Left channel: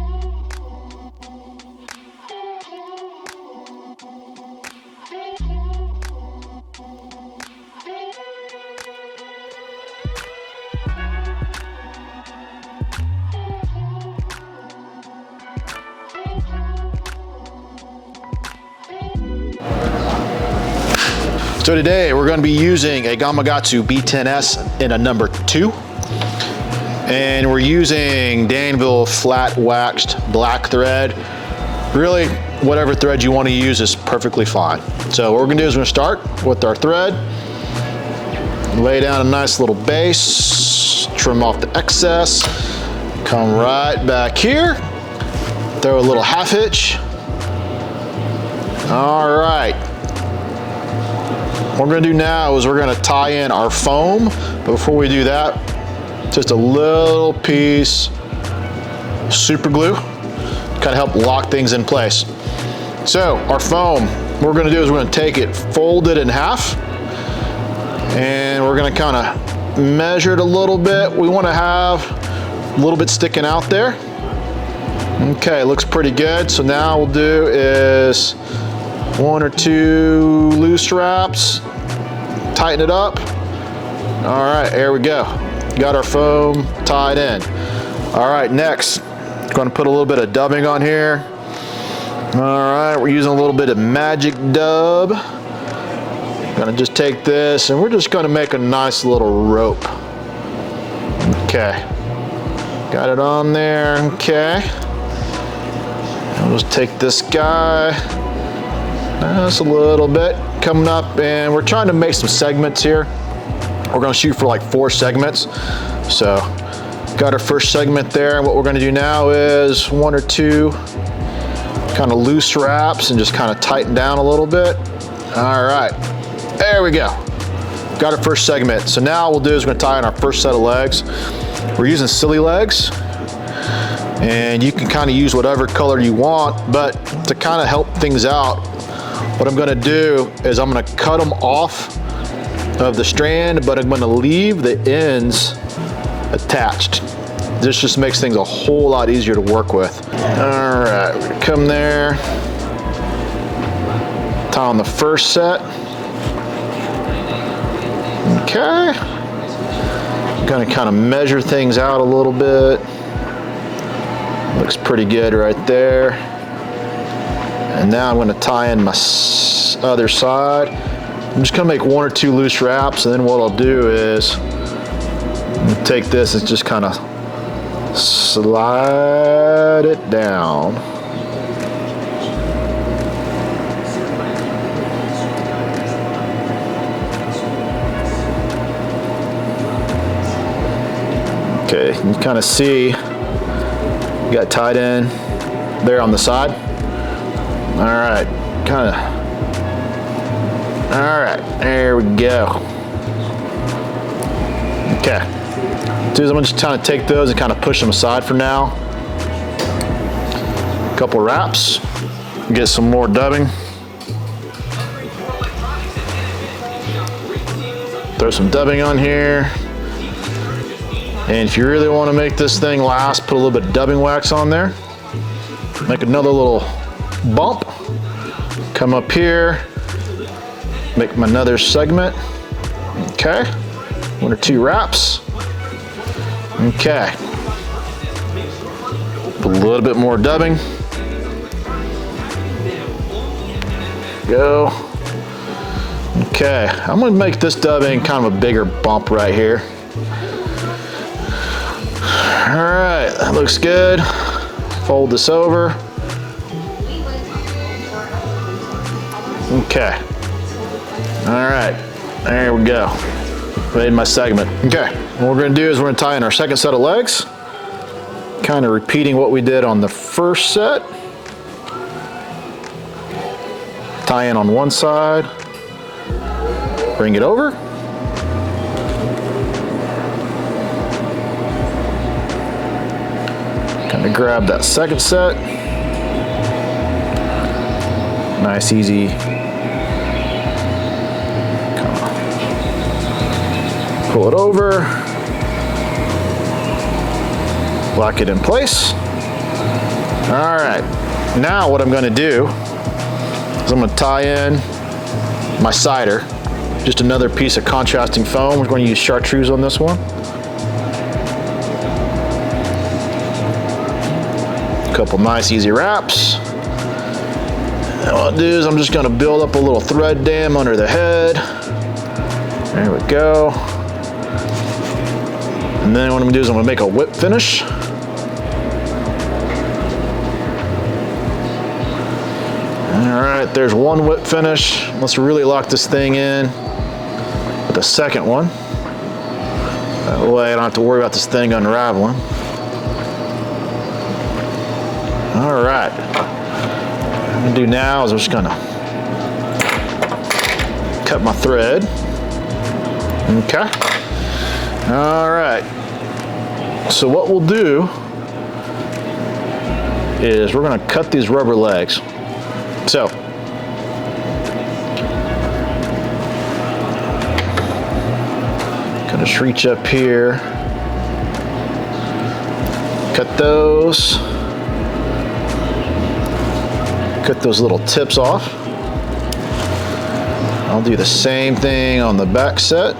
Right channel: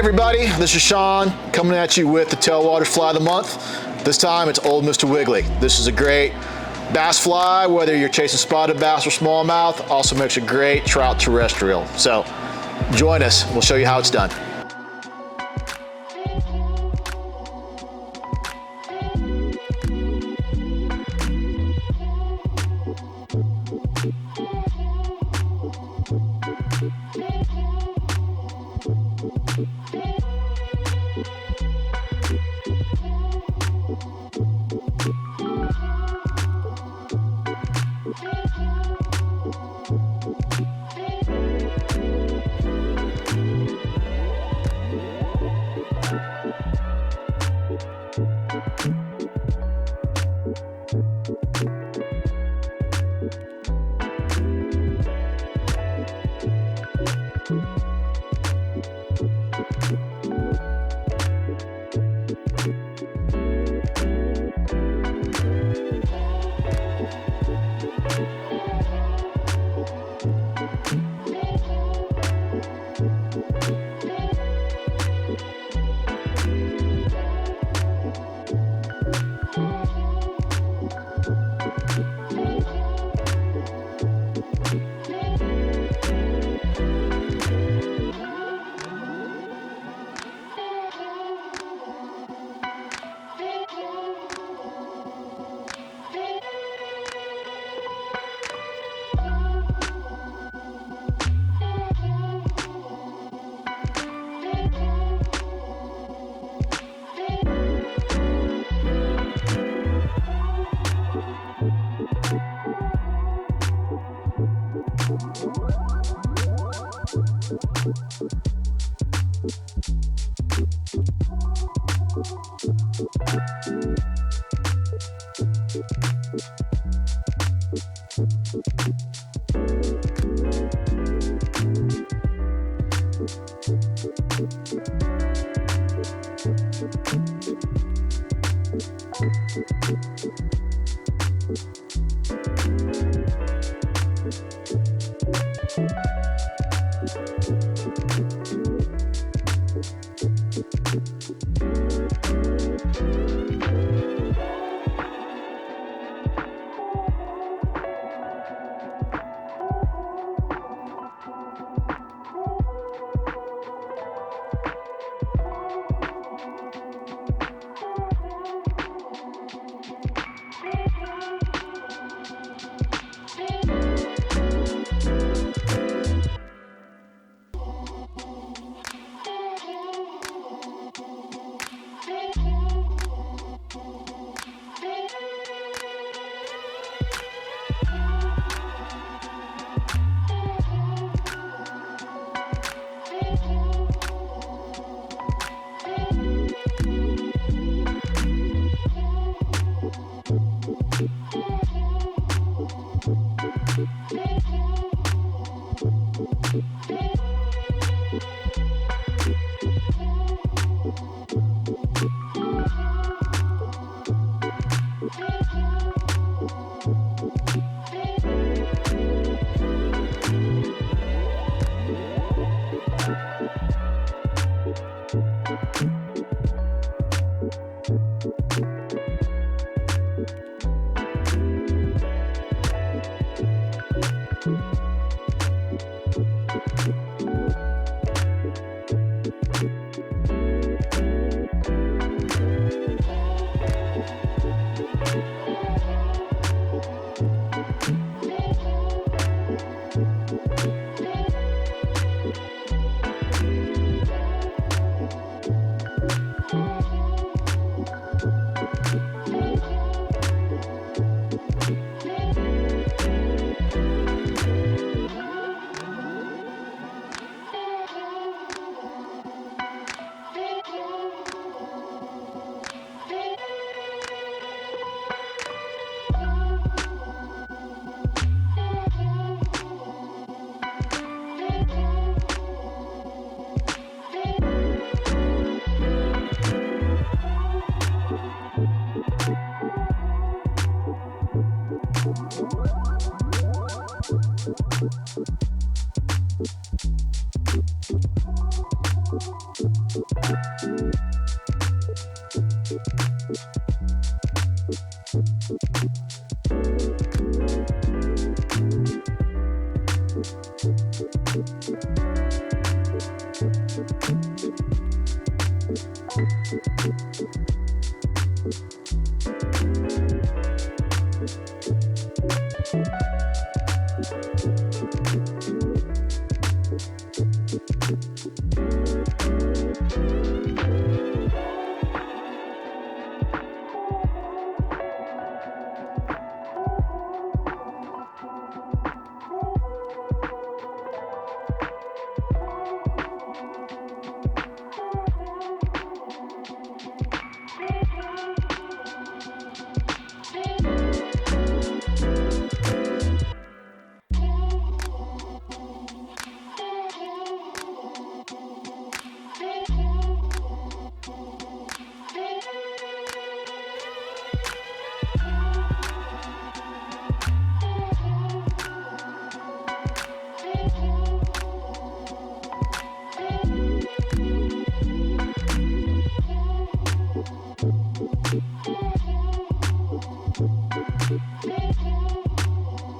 everybody, this is Sean coming at you with the Tailwaters Fly of the Month. This time it's old Mr. Wiggly. This is a great bass fly, whether you're chasing spotted bass or smallmouth. Also makes a great trout terrestrial. So join us, we'll show you how it's done. So today we're going to be using a Gamakatsu B10S in a number 2. And we're using Danville flat waxed black thread. Really, whatever thread you want to use is perfectly fine. So what we're gonna do is we're gonna start with our thread, lay down a nice little base, trim off the excess, come right back here, throw a little half hitch. All right. What we're gonna do now is we're gonna tie in our foam, but before we do that, just a little piece of super glue, kind of help lock things in place. So our foam, what we're gonna do is we're gonna take it, fold it in half, and we're gonna kind of measure it a little bit. We wanna have a little bit sticking out there. Okay, looks pretty good. So now we'll do is 1 or 2 loose wraps, tighten it up. All right, there we go. Got our foam tied in. All right, next, going to put a little bit of dubbing on here. All right, we're using a little bit of magic dub. Gonna just take this and we're just gonna make a nice little rope. Okay, got it on there, okay. And we'll just take this guy, just a little bit, coming up, and we're trying to make some segments here. We're gonna shoot for like 4 segments. So got our first segment there. And what we're gonna do now is 1 or 2 kind of loose wraps and just kind of tighten down a little bit. All right, there we go. Got our first segment. So now what we'll do is we're gonna tie in our first set of legs. We're using silly legs. And you can kind of use whatever color you want, but to kind of help things out, what I'm gonna do is I'm gonna cut them off of the strand, but I'm gonna leave the ends attached. This just makes things a whole lot easier to work with. All right, we're gonna come there, tie on the first set. Okay. Gonna kind of measure things out a little bit. Looks pretty good right there. And now I'm gonna tie in my other side. I'm just gonna make 1 or 2 loose wraps, and then what I'll do is take this and just kind of slide it down. Okay, you kind of see you got tied in there on the side. All right, kind of. All right, there we go. Okay, so I'm gonna just kind of take those and kind of push them aside for now. A couple wraps, get some more dubbing. Throw some dubbing on here. And if you really want to make this thing last, put a little bit of dubbing wax on there. Make another little bump. Come up here. Make another segment. Okay. 1 or 2 wraps. Okay. Put a little bit more dubbing. Go. Okay. I'm gonna make this dubbing kind of a bigger bump right here. All right, that looks good. Fold this over. Okay. All right, there we go. Made my segment. Okay, what we're gonna do is we're gonna tie in our second set of legs, kind of repeating what we did on the first set. Tie in on one side, bring it over. Kind of grab that second set. Nice, easy. Pull it over. Lock it in place. right, now what I'm gonna do is I'm gonna tie in my sider. Just another piece of contrasting foam. We're going to use chartreuse on this one. A couple nice easy wraps. And what I'll do is I'm just going to build up a little thread dam under the head. There we go. And then what I'm going to do is I'm going to make a whip finish. All right, there's one whip finish. Let's really lock this thing in. The second one. That way I don't have to worry about this thing unraveling. All right. What I'm gonna do now is I'm just gonna cut my thread. Okay. All right. So what we'll do is we're gonna cut these rubber legs. So just reach up here, cut those little tips off. I'll do the same thing on the back set.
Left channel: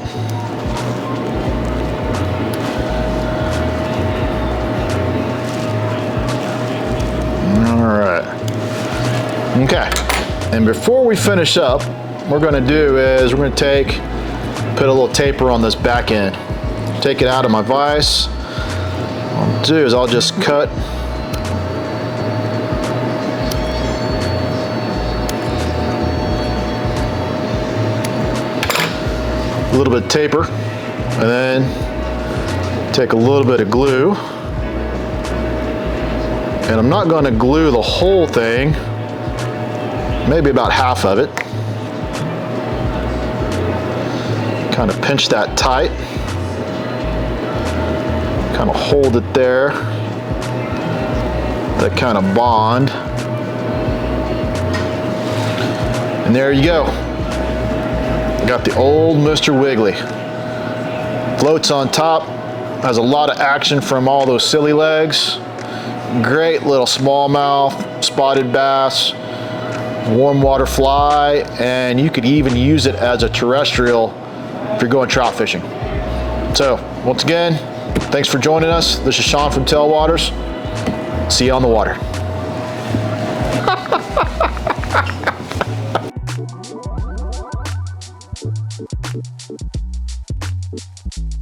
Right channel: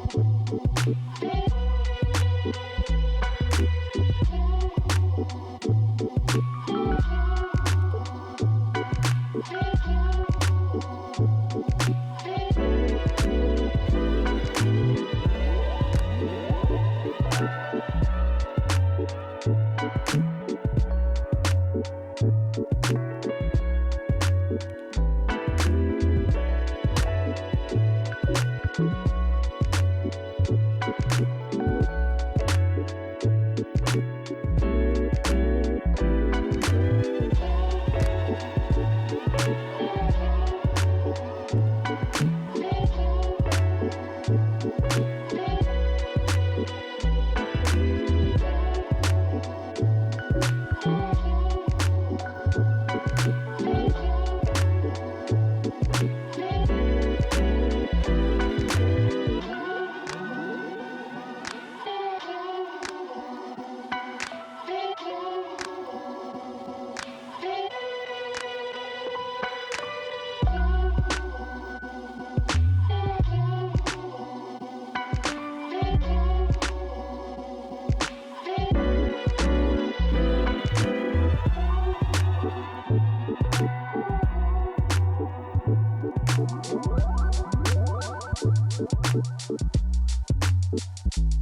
All right. Okay. And before we finish up, what we're going to do is we're going to put a little taper on this back end. Take it out of my vise. What I'll do is I'll just cut a little bit of taper and then take a little bit of glue. And I'm not going to glue the whole thing, maybe about half of it. Kind of pinch that tight, kind of hold it there, that kind of bond. And there you go. Got the old Mr. Wiggly. Floats on top, has a lot of action from all those silly legs. Great little smallmouth, spotted bass, warm water fly, and you could even use it as a terrestrial if you're going trout fishing. So, once again, thanks for joining us. This is Sean from Tailwaters. See you on the water.